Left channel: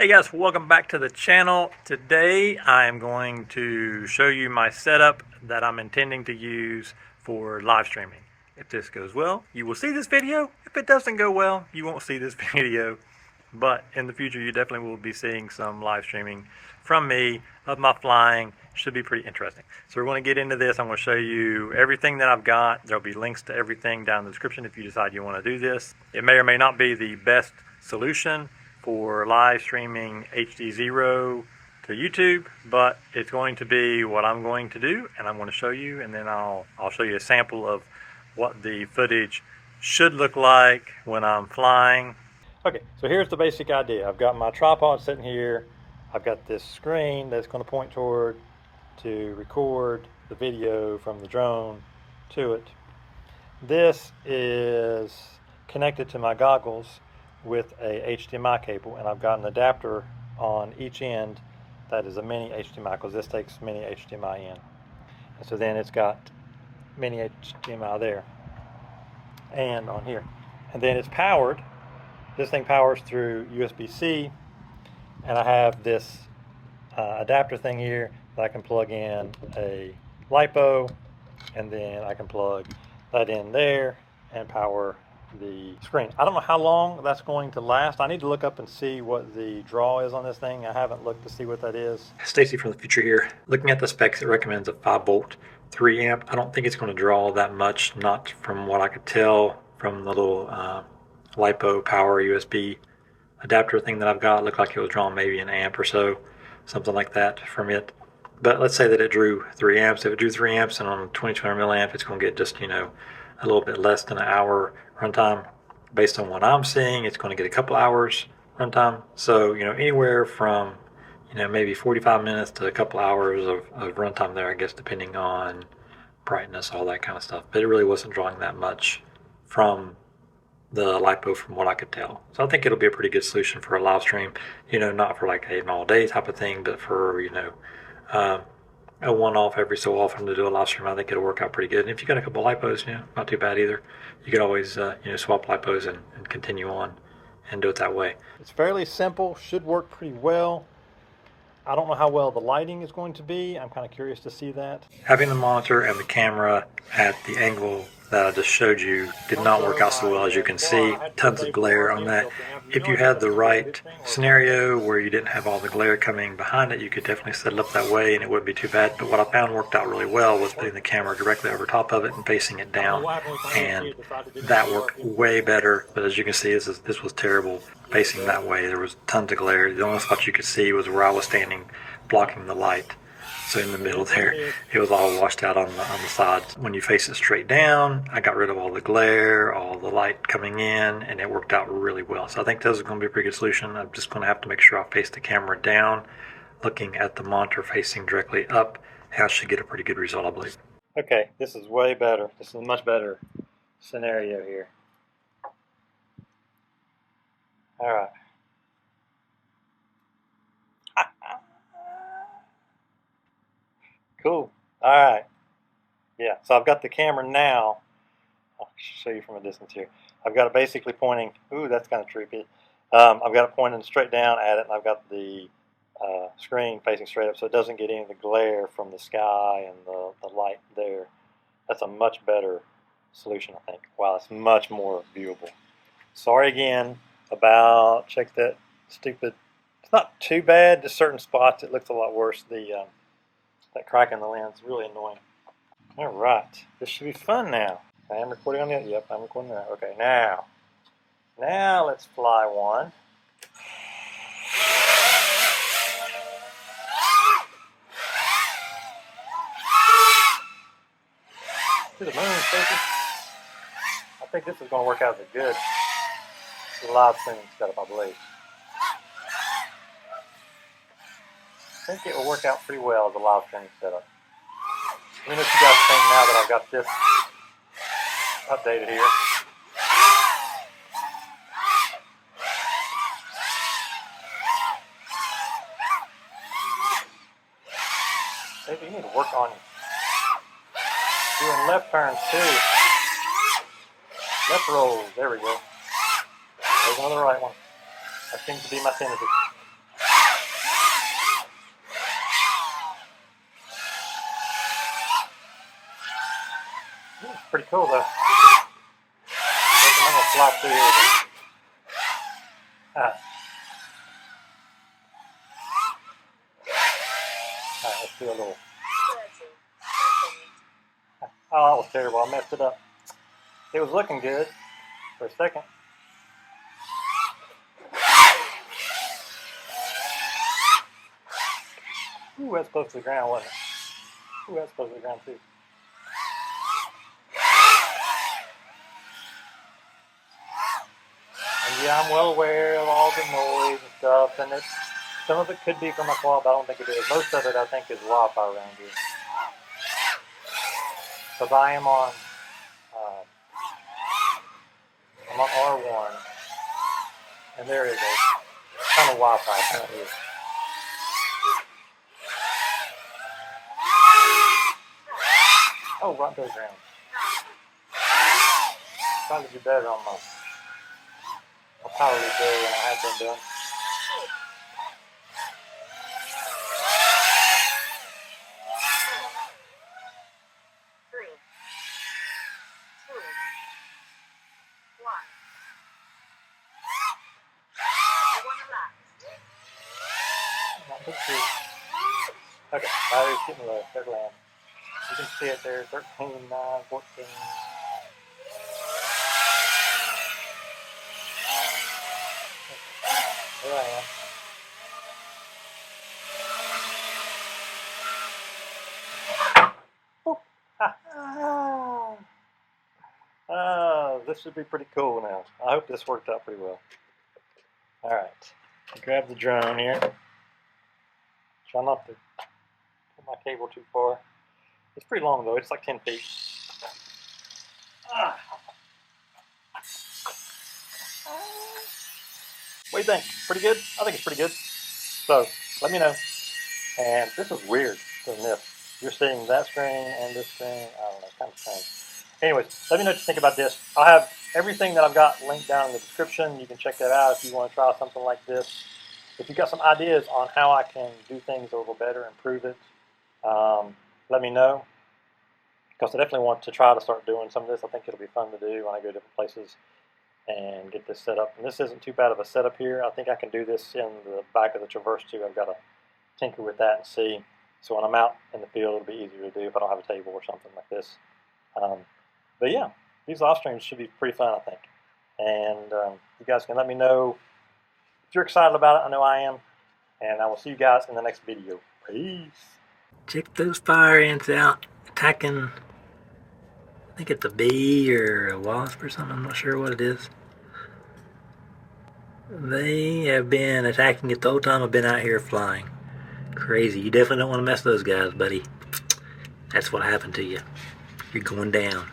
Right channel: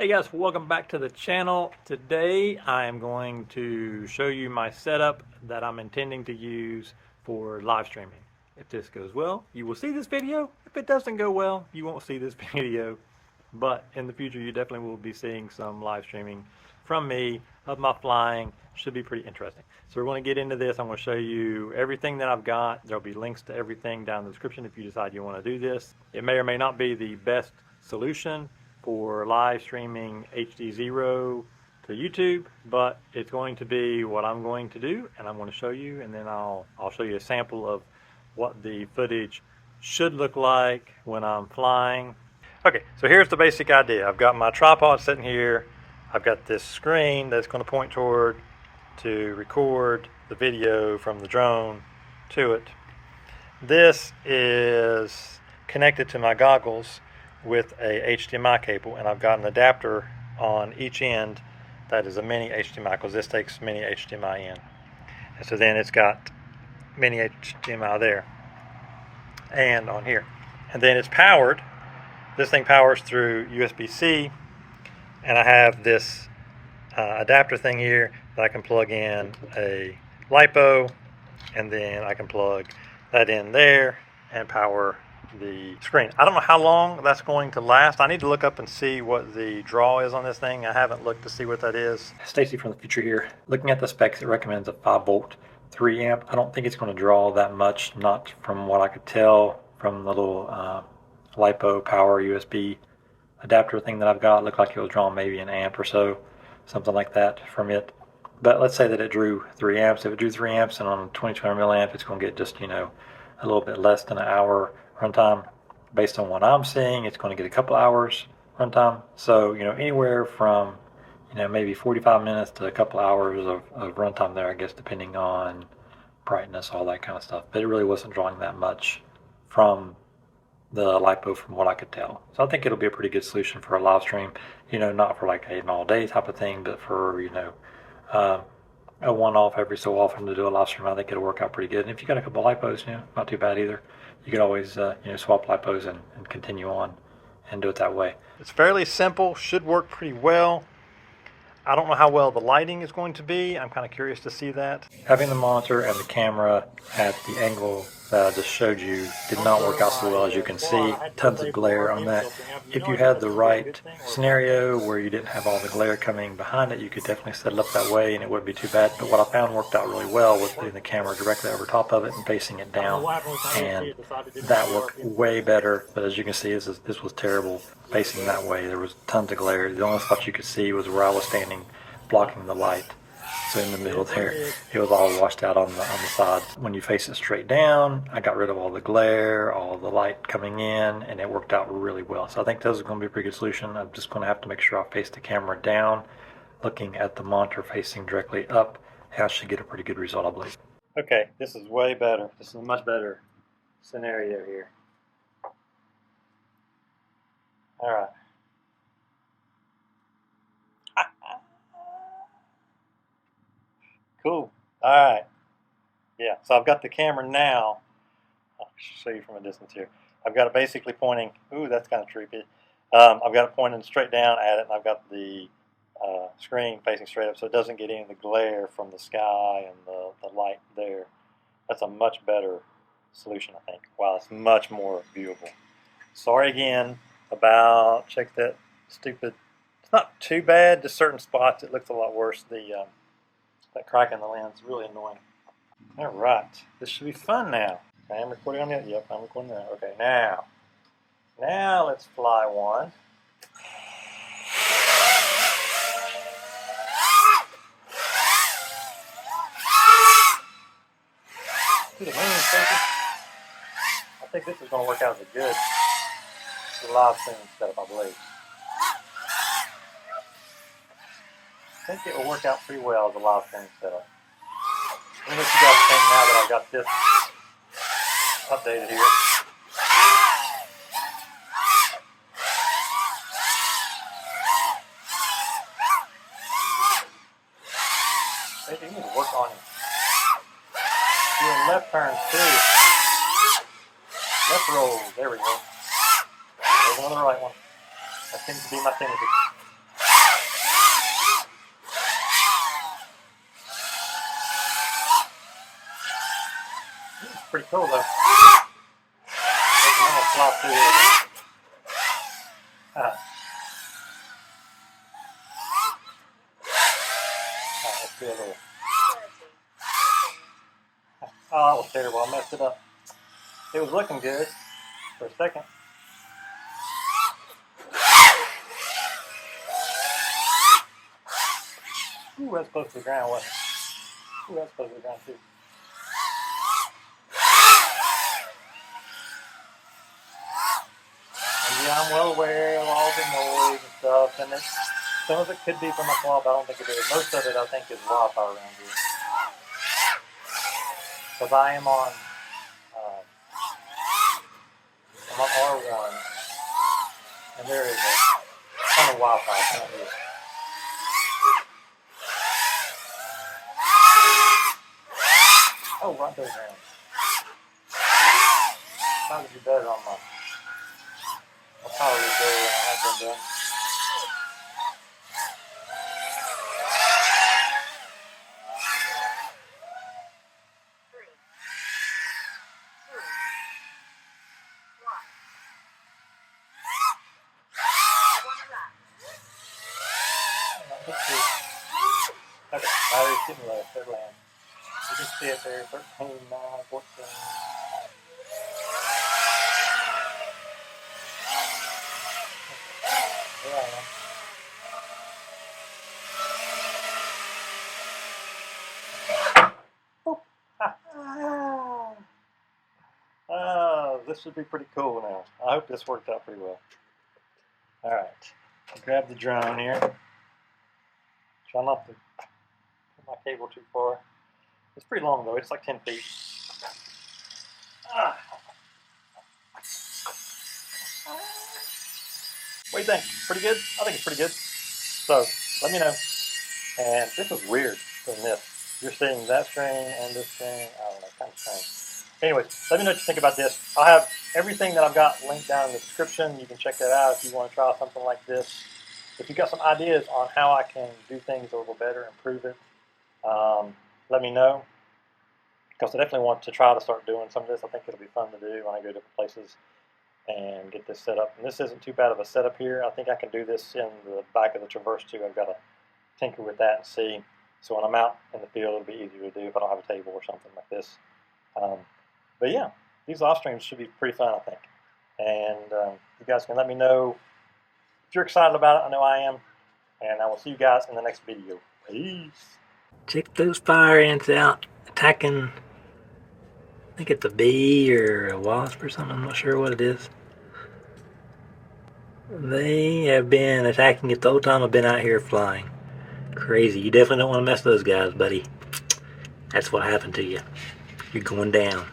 Hey guys, welcome back to the channel. Today I am going to show you my setup that I'm intending to use for live streaming. If this goes well, you will see this video. If it doesn't go well, you won't see this video. But in the future, you definitely will be seeing some live streaming from me of my flying. Should be pretty interesting. So we're going to get into this. I'm going to show you everything that I've got. There'll be links to everything down in the description if you decide you want to do this. It may or may not be the best solution for live streaming HDZero to YouTube, but it's going to be what I'm going to do, and I'm going to show you, and then I'll show you a sample of what the footage should look like when I'm flying. Okay, so here's the basic idea. I've got my tripod sitting here. I've got this screen that's going to point toward to record the video from the drone to it. This is connected to my goggles with a HDMI cable, and I've got an adapter on each end that is a mini HDMI, because this takes mini HDMI in. And so then it's got mini HDMI there and on here. And then it's powered. This thing powers through USB-C, and I have this adapter thing here that I can plug in a Lipo, and then I can plug that in there and power the screen. I don't know how long that's going to last. I need to look up and see what the draw is on this thing. I haven't looked to see what that is. Stacy from the future here. Looking at the specs, it recommends a 5-volt 3 amp. I don't think it's going to draw that much, not from what I could tell from the little Lipo power USB adapter thing that I've got. It looked like it was drawing maybe an amp or so, something like that from it. But let's say that it drew 3 amps. If it drew 3 amps and on a 2200 milliamp, it's going to get just, a little bit less than an hour runtime. Based on what I'm seeing, it's going to get a couple hours runtime. So, anywhere from, maybe 45 minutes to a couple hours of runtime there, I guess, depending on brightness, all that kind of stuff. But it really wasn't drawing that much from the Lipo from what I could tell. So I think it'll be a pretty good solution for a live stream, not for like an all day type of thing, but for, a one-off every so often to do a live stream. I think it'll work out pretty good. And if you got a couple Lipos, not too bad either. You could always, swap Lipos and continue on and do it that way. It's fairly simple, should work pretty well. I don't know how well the lighting is going to be. I'm kind of curious to see that. Having the monitor and the camera at the angle that I just showed you did not work out so well, as you can see. Tons of glare on that. If you had the right scenario where you didn't have all the glare coming behind it, you could definitely set it up that way and it wouldn't be too bad. But what I found worked out really well was putting the camera directly over top of it and facing it down, and that worked way better. But as you can see, this was terrible facing that way. There was tons of glare. The only spot you could see was where I was standing blocking the light. So in the middle there, it was all washed out on the sides. When you face it straight down, I got rid of all the glare, all the light coming in, and it worked out really well. So I think this is going to be a pretty good solution. I'm just going to have to make sure I face the camera down, looking at the monitor facing directly up, and I should get a pretty good result, I believe. Okay, this is way better. This is a much better scenario here. All right. Cool. All right. Yeah, so I've got the camera now. I'll show you from a distance here. I've got it basically pointing. Ooh, that's kind of trippy. I've got it pointing straight down at it, and I've got the screen facing straight up, so it doesn't get any of the glare from the sky and the light there. That's a much better solution, I think. Wow, it's much more viewable. Sorry again about, check that stupid, it's not too bad, just certain spots it looks a lot worse. That crack in the lens is really annoying. All right, this should be fun now. I am recording on that. Yep, I'm recording now. Okay, now let's fly one. To the moon, Stacy. I think this is going to work out as a good live stream setup, I believe. I think it will work out pretty well as a live stream setup. Let me let you guys think now that I've got this updated here. Maybe you need to work on doing left turns too. Left roll. There we go. There's another right one. That seems to be my tendency. pretty cool though. I'm gonna fly through here. Alright, let's do a little. Oh, that was terrible. I messed it up. It was looking good for a second. Ooh, that's close to the ground, wasn't it? Ooh, that's close to the ground too. And yeah, I'm well aware of all the noise and stuff, and some of it could be from my quad, but I don't think it is. Most of it, I think, is Wi-Fi around here. Because I am on, I'm on R1, and there is a ton of Wi-Fi coming here. Oh, right there, ground. Trying to do better on my power reserve than I have been doing. Okay, battery's getting low, third land. You can see it there, 13, 9, 14. There I am. This should be pretty cool now. I hope this worked out pretty well. Alright, grab the drone here. Try not to put my cable too far. It's pretty long though, it's like 10 feet. What do you think? Pretty good? I think it's pretty good. So, let me know. And this is weird than this. You're seeing that screen and this screen. I don't know, kind of strange. Anyways, let me know what you think about this. I'll have everything that I've got linked down in the description. You can check that out if you want to try something like this. If you've got some ideas on how I can do things a little better, improve it, let me know. Because I definitely want to try to start doing some of this. I think it'll be fun to do when I go to different places and get this set up. And this isn't too bad of a setup here. I think I can do this in the back of the Traverse too. I've got to tinker with that and see. So when I'm out in the field, it'll be easier to do if I don't have a table or something like this. But yeah, these live streams should be pretty fun, I think. And you guys can let me know if you're excited about it. I know I am. And I will see you guys in the next video. Peace. Check those fire ants out attacking. I think it's a bee or a wasp or something. I'm not sure what it is. They have been attacking it the whole time I've been out here flying. Crazy. You definitely don't want to mess those guys, buddy. That's what happened to you. You're going down.